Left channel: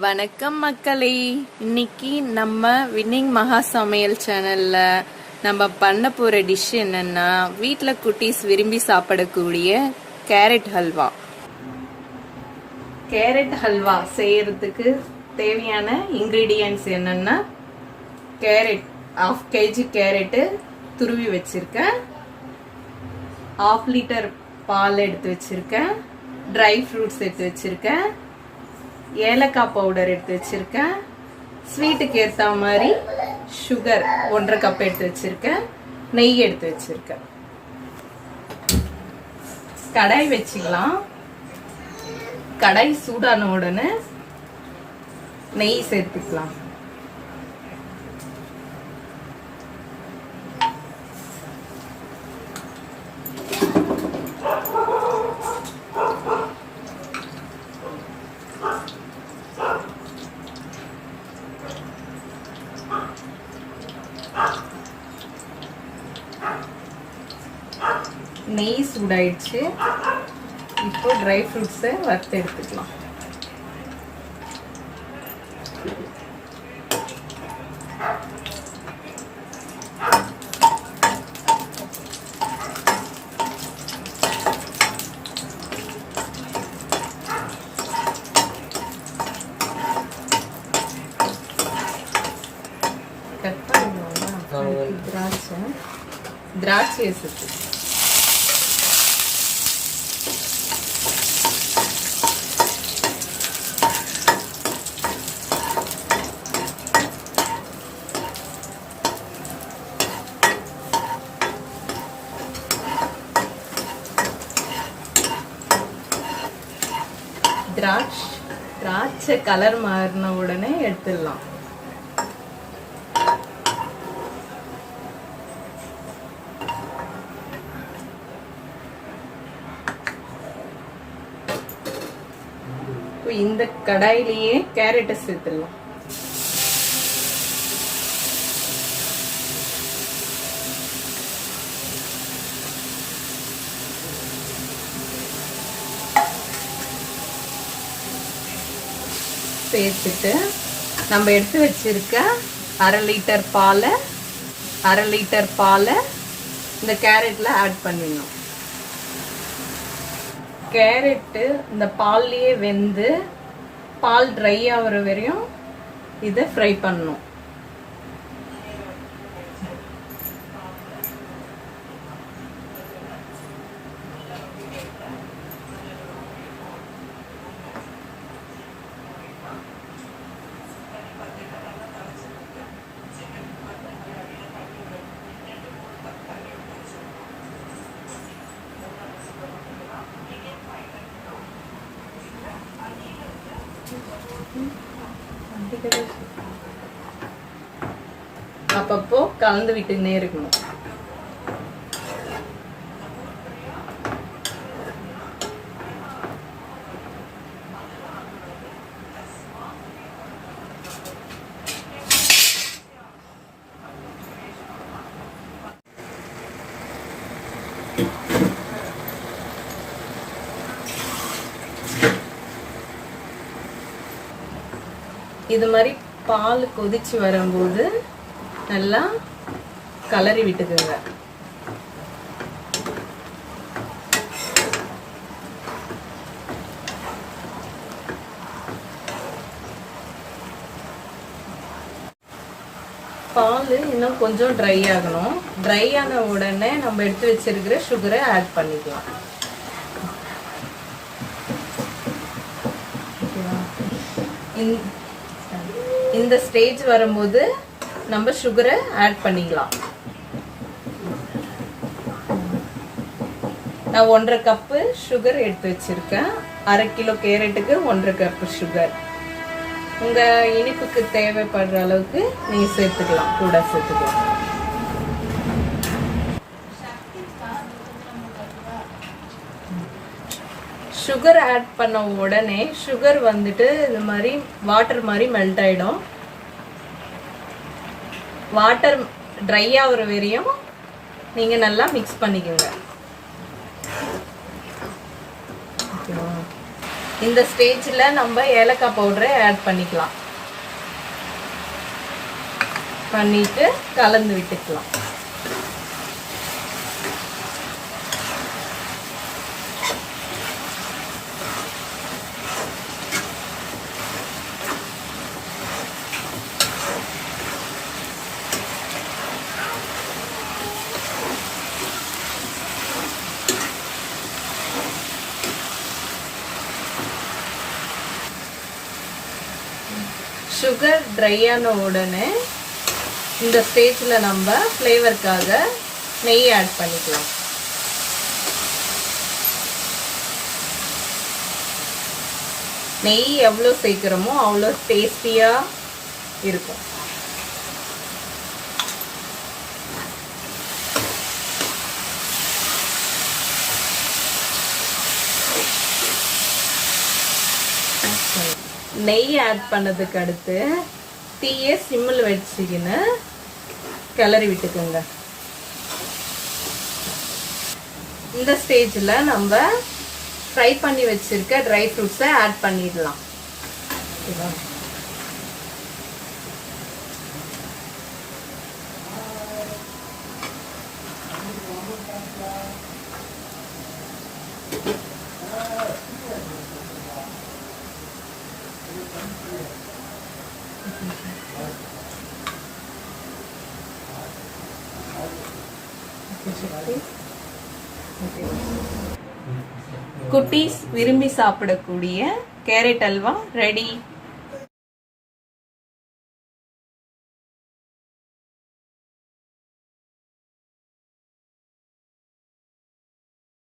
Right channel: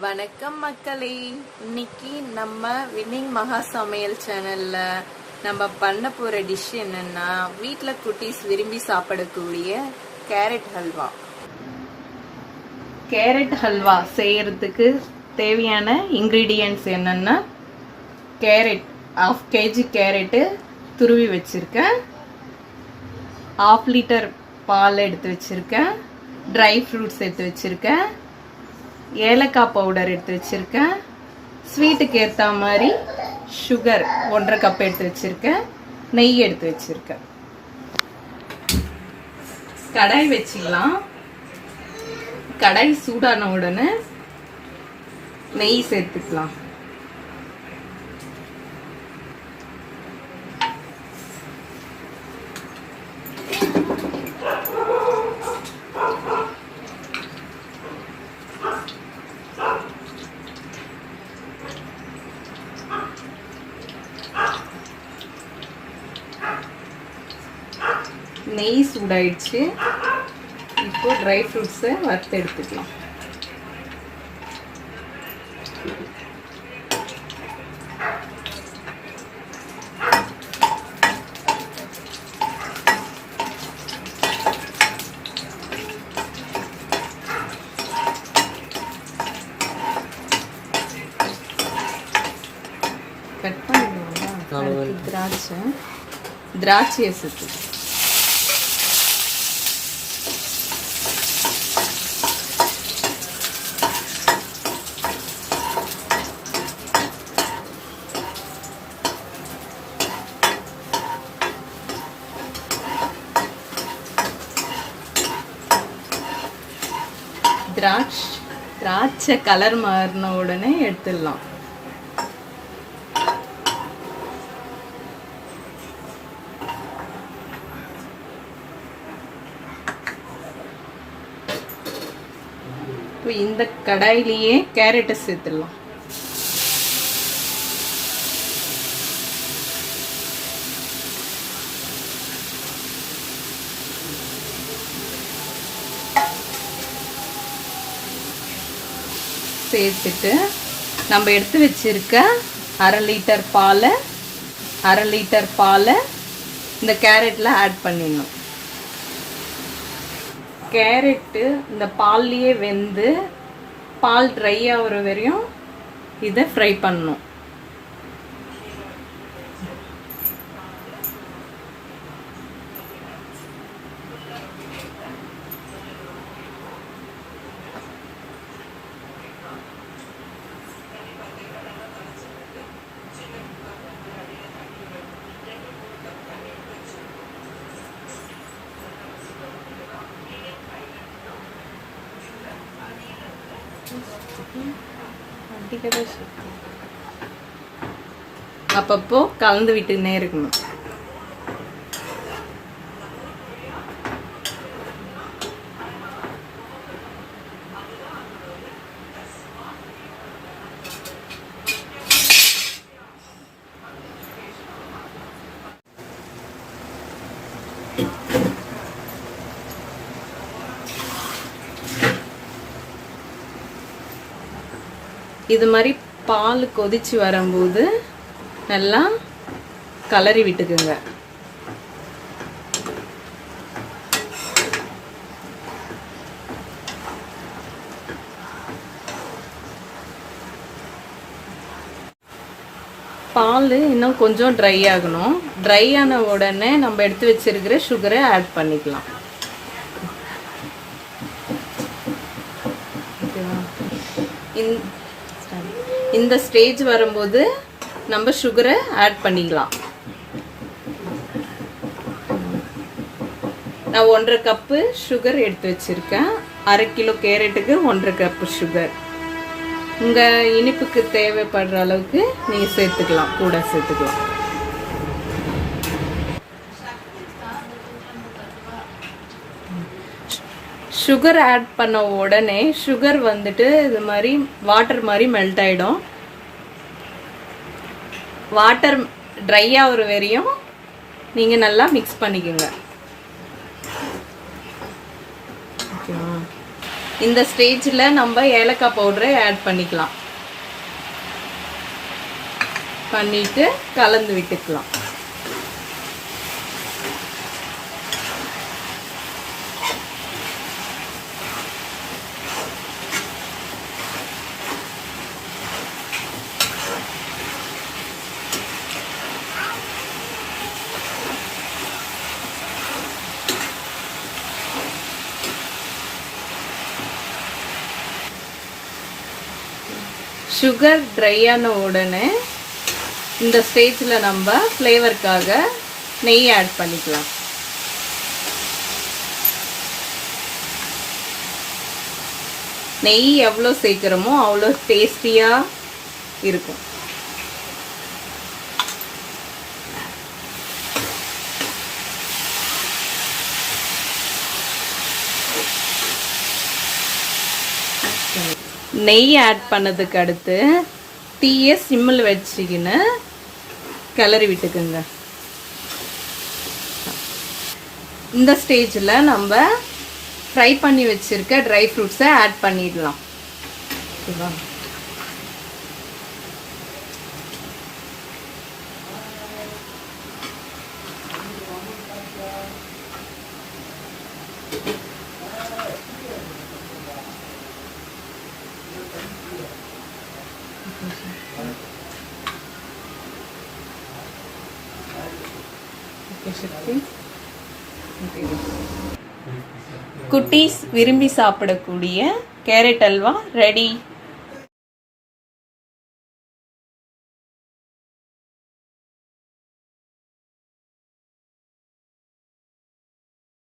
வணக்கம் மக்களே. இன்னைக்கு நம்ம வின்னிங் மகா சமையல் சேனல்ல நம்ம பண்ண போற டிஷ் என்னன்னா, வீட்டில் குட்டீஸ் விரும்பி சாப்பிடக்கூடிய கேரட் ஹல்வா. கேரட் ஹல்வா செய்யறதுக்கு தேவையான இன்கிரீடியன்ட்ஸ் என்னன்னா, கேரட் 1/2 kg கேரட்டு துருவி வச்சிருக்கேன், 1/2 லிட்டர் பால் எடுத்து வச்சிருக்கேன், ட்ரை ஃப்ரூட்ஸ் எடுத்து வச்சிருக்கேன், ஏலக்காய் பவுடர் எடுத்து வச்சிருக்கேன், ஸ்வீட்டுக்கு ஏற்ற மாதிரி சுகர் 1.5 கப் எடுத்து வச்சிருக்கேன், நெய் எடுத்து வச்சிருக்கேன். கடாய் வச்சுக்கலாம். கடாய் சூடான உடனே நெய் சேர்த்துக்கலாம். நெய் சூடாயிடுச்சு. இப்போ ட்ரை ஃப்ரூட்ஸை வறுத்து எடுத்துக்கலாம். திராட்சையை சேர்த்து திராட்சை கலர் மாறின உடனே எடுத்துடலாம். இந்த கடாயிலேயே கேரட்டை சேர்த்துடலாம். சேர்த்துட்டு நம்ம எடுத்து வச்சிருக்க 1/2 லிட்டர் பாலை இந்த கேரட்ல ஆட் பண்ணிடணும். கேரட்டு இந்த பால்லையே வெந்து பால் ட்ரை ஆகிற வரையும் இதை ஃப்ரை பண்ணணும். அப்பப்போ கலந்து விட்டுனே இருக்கணும். இது மாதிரி பால் கொதிச்சு வரும்போது நல்லா கலரி விட்டுக்குங்க. பால் இன்னும் கொஞ்சம் ட்ரை ஆகணும். ட்ரை ஆன உடனே நம்ம எடுத்து வச்சிருக்கிற சுகரை ஆட் பண்ணிக்கலாம். இந்த ஸ்டேஜ் வரும்போது நம்ம சுகரை ஆட் பண்ணிக்கலாம். நான் 1.5 கப்பு சுகர் எடுத்து வச்சிருக்கேன். 1/2 கிலோ கேரட்டுக்கு 1.5 கப்பு சுகர். உங்க இனிப்புக்கு தேவைப்படுற அளவுக்கு நீங்க சேர்த்துக்கலாம், கூட சேர்த்துக்கலாம். சுகர் ஆட் பண்ண உடனே சுகர் வந்துட்டு இது மாதிரி வாட்டர் மாதிரி மெல்ட் ஆயிடும். வாட்டர் ட்ரை ஆகிற வரையும் நீங்க நல்லா மிக்ஸ் பண்ணிக்கோங்க. இந்த ஸ்டேஜ்ல நம்ம ஏலக்காய் பவுடரை ஆட் பண்ணிக்கலாம். பண்ணிட்டு கலந்து விட்டுக்கலாம். சுகர் ட்ரை ஆன உடனே இந்த ஸ்டேஜ்ல நம்ம ஃப்ளேவருக்காக நெய் ஆட் பண்ணிக்கலாம். நெய் எவ்வளோ சேர்க்கிறோமோ அவ்வளோ டேஸ்டியா இருக்கும். நெய் ஆட் பண்ணதுக்கு அடுத்து தீயை சிம்மில் வச்சுக்கின்னு கிளறி விட்டுக்குங்க. இந்த ஸ்டேஜில் நம்ம ஃப்ரை பண்ணி வச்சிருக்க ட்ரை ஃப்ரூட்ஸை ஆட் பண்ணிடலாம். குட்டீஸ் விரும்பி சாப்பிடக்கூடிய கேரட் அல்வா ரெடி.